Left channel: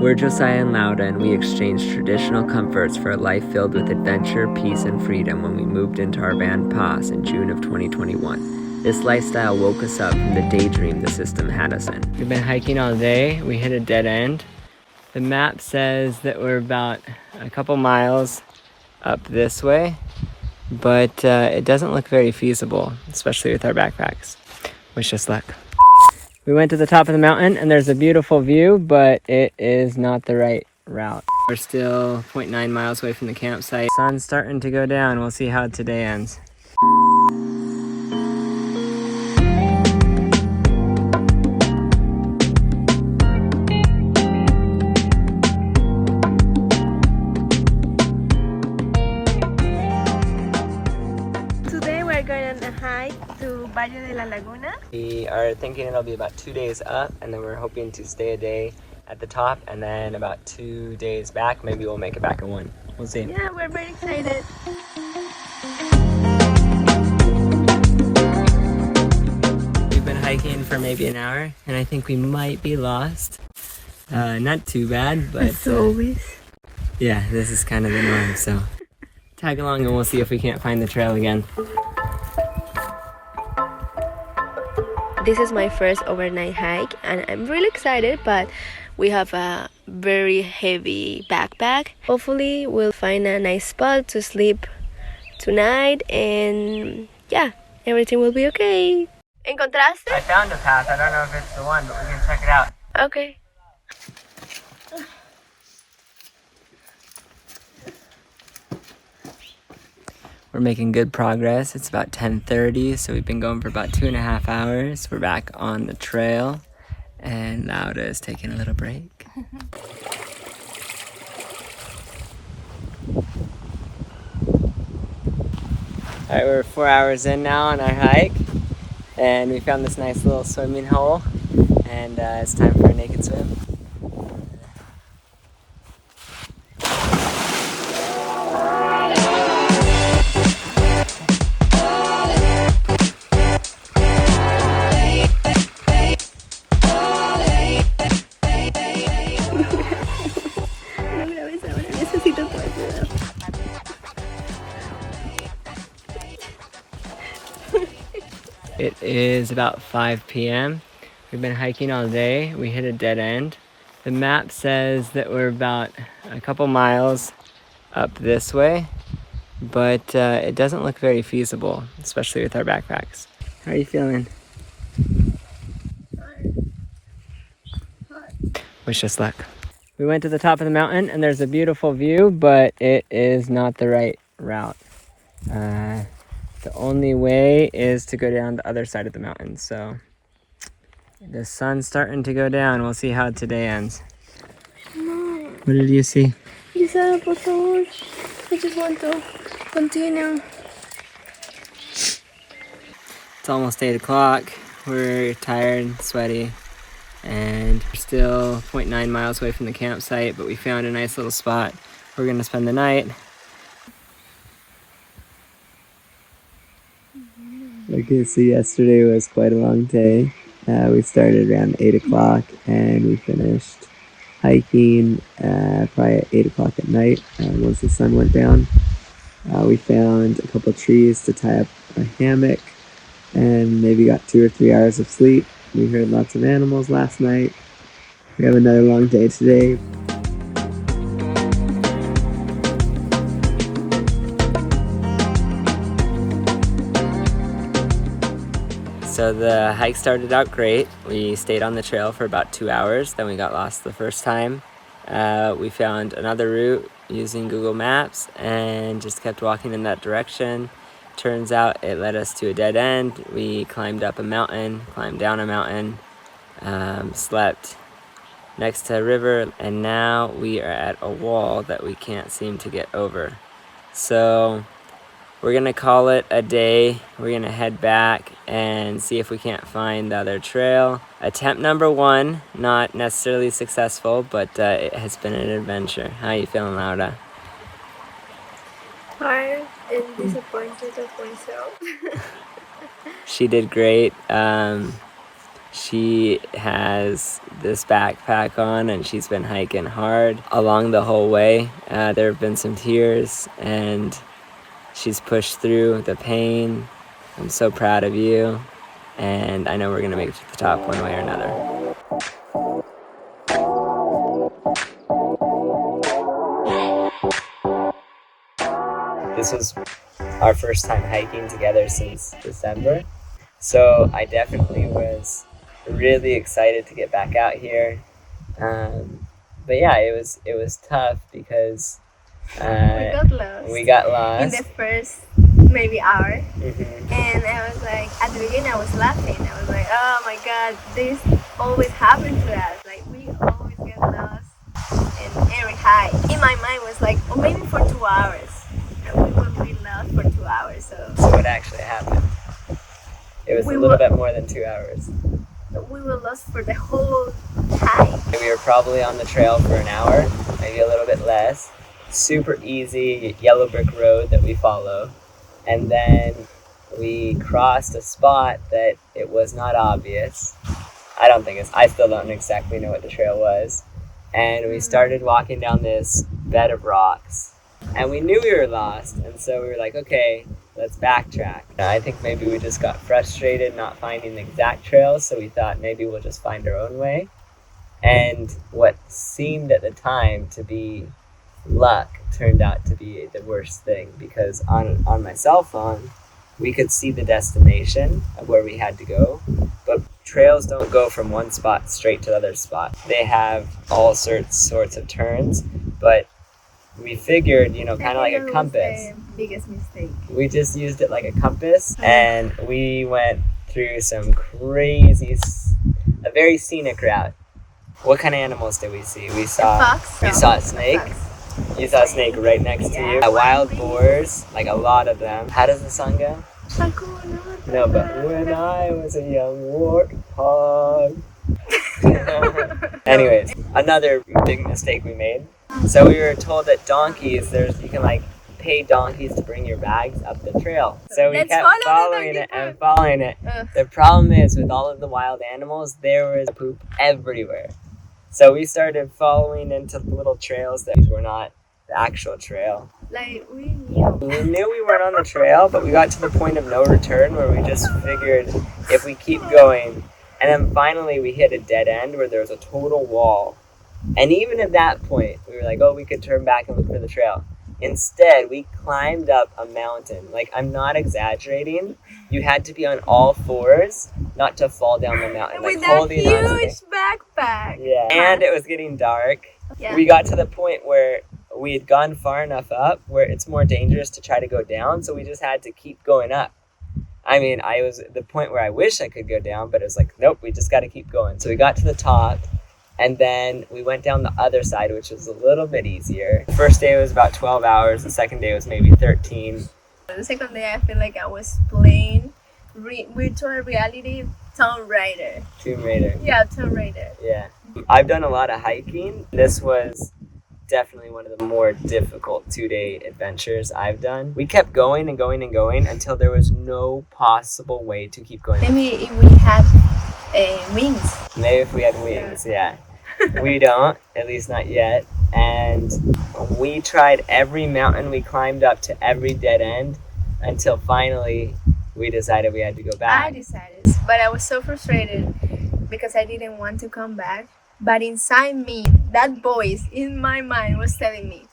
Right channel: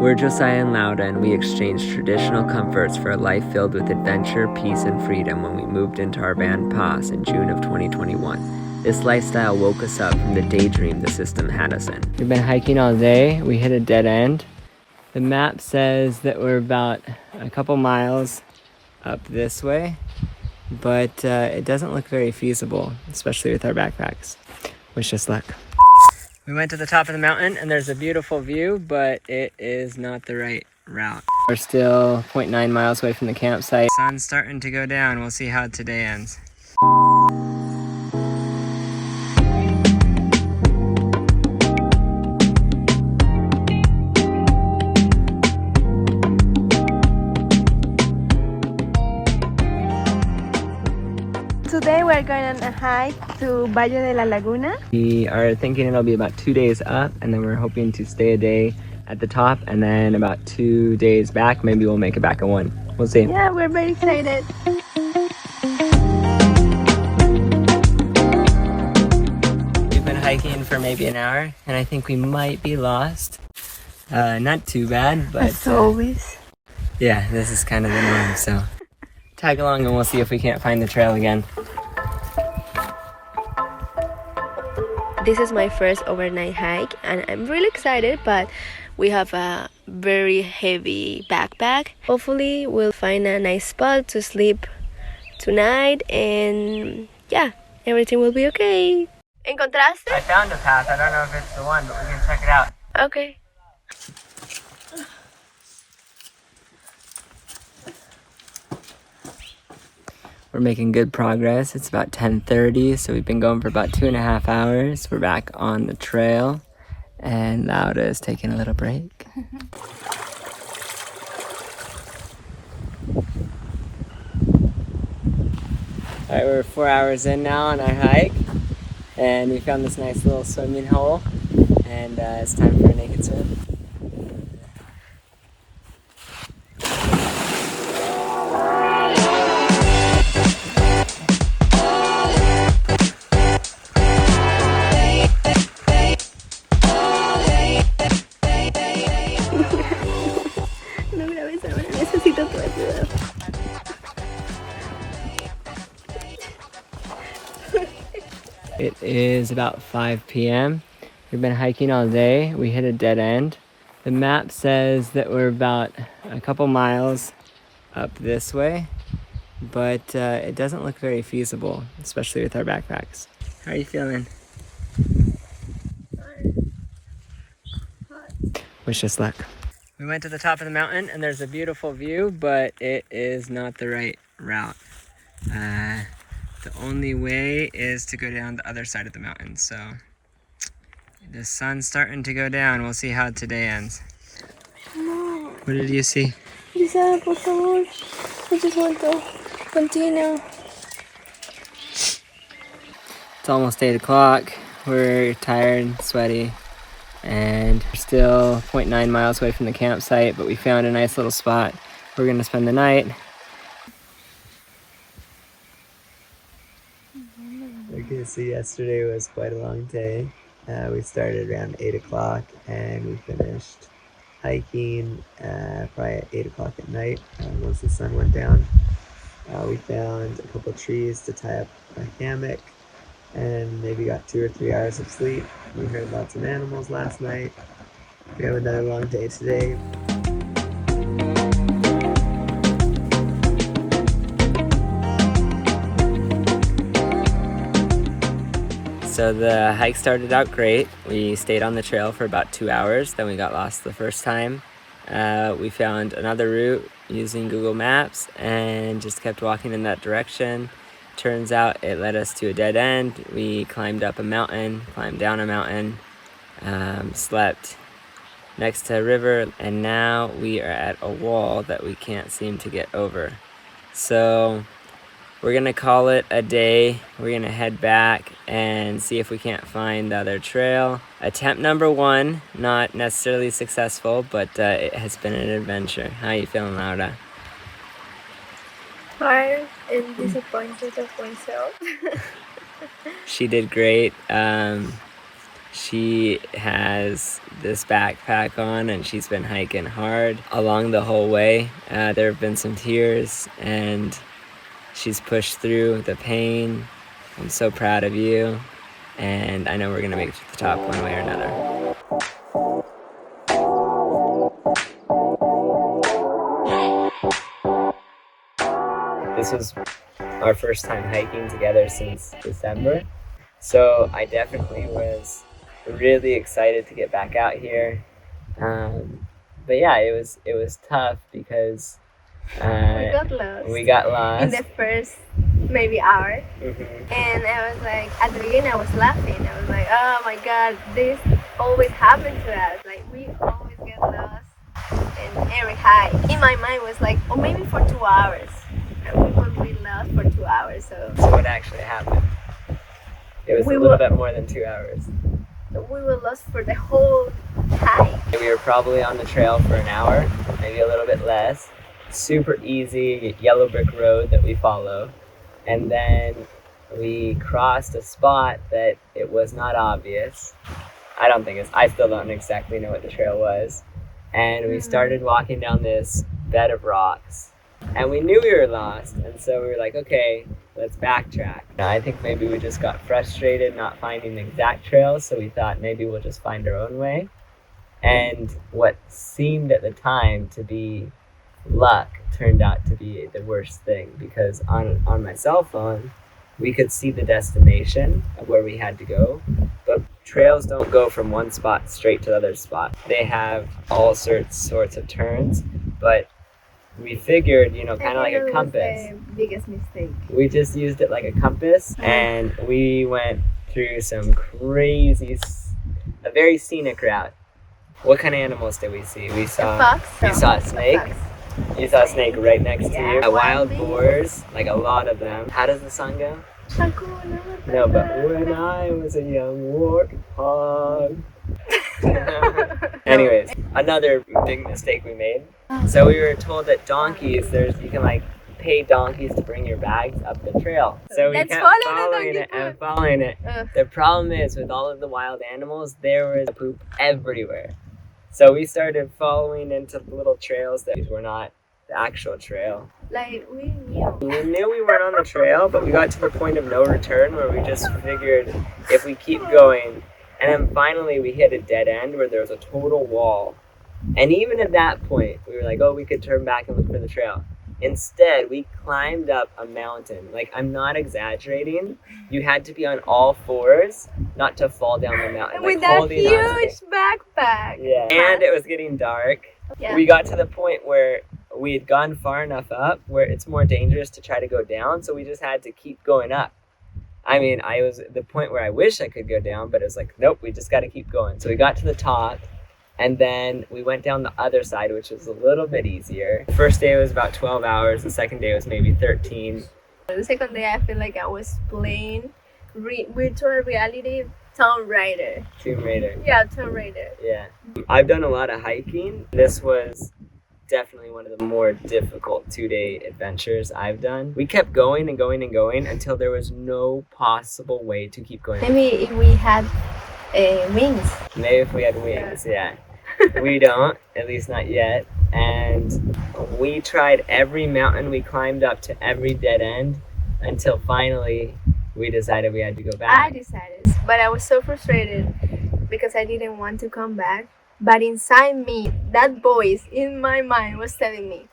We're Josiah and Lauda, and we exchanged traditional comforts for a life filled with adventure, peace, and freedom when we moved into our van Paz in June of 2021. This lifestyle woke us up from the daydream the system had us in. We've been hiking all day. We hit a dead end. The map says that we're about a couple miles up this way, but it doesn't look very feasible, especially with our backpacks. Wish us luck. We went to the top of the mountain and there's a beautiful view, but it is not the right route. We're still 0.9 miles away from the campsite. Sun's starting to go down. We'll see how today ends. Today we're going to hike to Valle de la Laguna. We are thinking it'll be about 2 days up, and then we're hoping to stay a day at the top, and then about 2 days back. Maybe we'll make it back in one. We'll see. Yeah, we're very excited. We've been hiking for maybe an hour, and I think we might be lost. Not too bad, but as always. Yeah, this is kind of the norm, so tag along and we'll see if we can't find the trail again. This is my first overnight hike and I'm really excited, but we have a very heavy backpack. Hopefully we'll find a nice spot to sleep tonight and yeah, everything will be okay. ¿Encontraste? I found a path. I don't know if it's the one, but we can check it out. Okay. We're making good progress. It's about 10:30, so we've been going for about 2.5 hours. We're back on the trail, and Lauda is taking a little break. All right, we're 4 hours in now on our hike, and we found this nice little swimming hole, and it's time for a naked swim. It is about 5 p.m. We've been hiking all day. We hit a dead end. The map says that we're about a couple miles up this way, but it doesn't look very feasible, especially with our backpacks. How are you feeling? Wish us luck. We went to the top of the mountain and there's a beautiful view, but it is not the right route. The only way is to go down the other side of the mountain. So the sun's starting to go down. We'll see how today ends. No. What did you see? Lisa, por favor. I just want to continue. It's almost 8 o'clock. We're tired, sweaty, and we're still 0.9 miles away from the campsite, but we found a nice little spot. We're gonna spend the night. Okay, so yesterday was quite a long day. We started around 8 o'clock and we finished hiking probably at 8 o'clock at night once the sun went down. We found a couple trees to tie up a hammock and maybe got 2 or 3 hours of sleep. We heard lots of animals last night. We have another long day today. So the hike started out great. We stayed on the trail for about 2 hours, then we got lost the first time. We found another route using Google Maps and just kept walking in that direction. Turns out it led us to a dead end. We climbed up a mountain, climbed down a mountain, slept next to a river, and now we are at a wall that we can't seem to get over. So we're gonna call it a day. We're gonna head back and see if we can't find the other trail. Attempt number 1, not necessarily successful, but it has been an adventure. How are you feeling, Laura? Tired and disappointed of myself. She did great. She has this backpack on and she's been hiking hard along the whole way. There have been some tears and she's pushed through the pain. I'm so proud of you, and I know we're gonna make it to the top one way or another. This was our first time hiking together since December, so I definitely was really excited to get back out here. But yeah, it was tough because we got lost in the first maybe hour. Mm-hmm. And I was like, at the beginning I was laughing. I was like, oh my god, this always happened to us. Like, we always get lost in every hike. In my mind was like, oh, maybe for 2 hours. And we would be lost for 2 hours. So what actually happened? It was a little bit more than 2 hours. We were lost for the whole hike. We were probably on the trail for an hour, maybe a little bit less. Super easy yellow brick road that we follow. And then we crossed a spot that it was not obvious. I still don't exactly know what the trail was. And we started walking down this bed of rocks. And we knew we were lost. And so we were like, okay, let's backtrack. And I think maybe we just got frustrated not finding the exact trail. So we thought maybe we'll just find our own way. And what seemed at the time to be luck turned out to be the worst thing, because on my cell phone we could see the destination of where we had to go, but trails don't go from one spot straight to the other spot. They have all sorts of turns, but we figured, kind of like a compass. Was the biggest mistake. We just used it like a compass, and we went through some a very scenic route. What kind of animals did we see? We saw a snake. You saw a snake right next to you. Wild boars, like a lot of them. How does the song go? No, but when I was a young warthog. Anyways, another big mistake we made. So we were told that donkeys, you can pay donkeys to bring your bags up the trail. So we kept following it. The problem is, with all of the wild animals, there was poop everywhere. So we started following into little trails that were not the actual trail. Like, we knew we weren't on the trail, but we got to the point of no return where we just figured if we keep going, and then finally we hit a dead end where there was a total wall. And even at that point, we were like, oh, we could turn back and look for the trail. Instead, we climbed up a mountain. Like, I'm not exaggerating. You had to be on all fours not to fall down the mountain. With that huge backpack. Yeah. And it was getting dark. Yeah. We got to the point where we had gone far enough up where it's more dangerous to try to go down, so we just had to keep going up. I mean, I was at the point where I wish I could go down, but it was like, nope, we just got to keep going. So we got to the top. And then we went down the other side, which was a little bit easier. The first day was about 12 hours. The second day was maybe 13. The second day, I feel like I was playing virtual reality Tomb Raider. Yeah, Tomb Raider. Yeah. I've done a lot of hiking. This was definitely one of the more difficult 2-day adventures I've done. We kept going and going and going until there was no possible way to keep going. Maybe if we had wings. Maybe if we had wings, yeah. We don't, at least not yet. And we tried every mountain we climbed up to every dead end until finally we decided we had to go back. I decided, but I was so frustrated because I didn't want to come back. But inside me, that voice in my mind was telling me,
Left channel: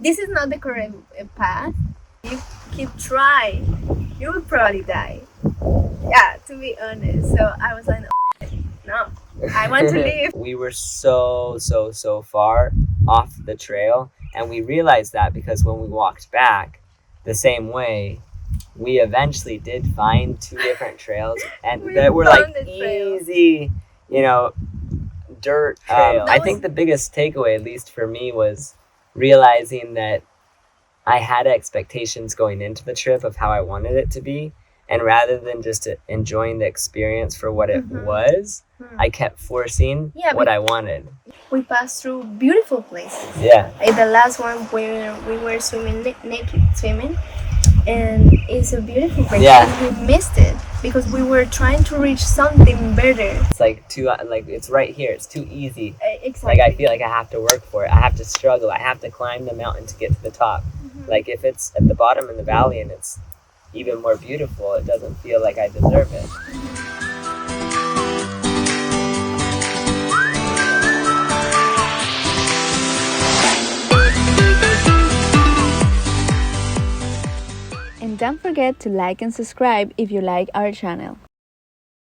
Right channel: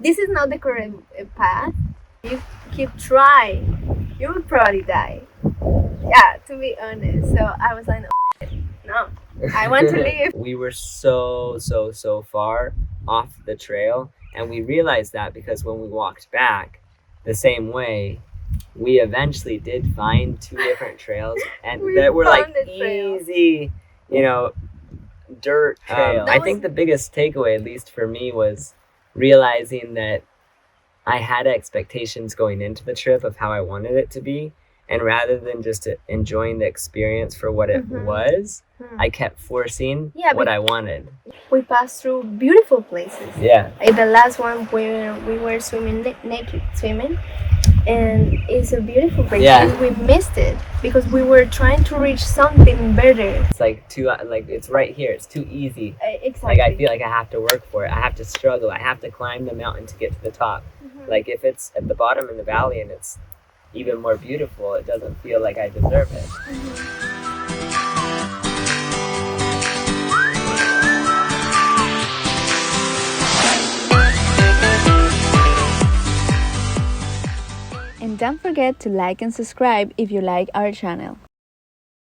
this is not the correct path. If you keep trying, you will probably die. Yeah, to be honest. So I was like, no, I want to leave. We were so far off the trail, and we realized that because when we walked back the same way, we eventually did find 2 different trails, and that were like easy, dirt trails. I think the biggest takeaway, at least for me, was realizing that I had expectations going into the trip of how I wanted it to be. And rather than just enjoying the experience for what it was, I kept forcing what I wanted. We passed through beautiful places. Yeah. Like the last one where we were swimming naked swimming. and it's a beautiful place. Yeah. And we missed it because we were trying to reach something better. It's like too, like it's right here. It's too easy. Exactly. Like I feel like I have to work for it. I have to struggle. I have to climb the mountain to get to the top. Like if it's at the bottom in the valley and it's even more beautiful, it doesn't feel like I deserve it. And don't forget to like and subscribe if you like our channel.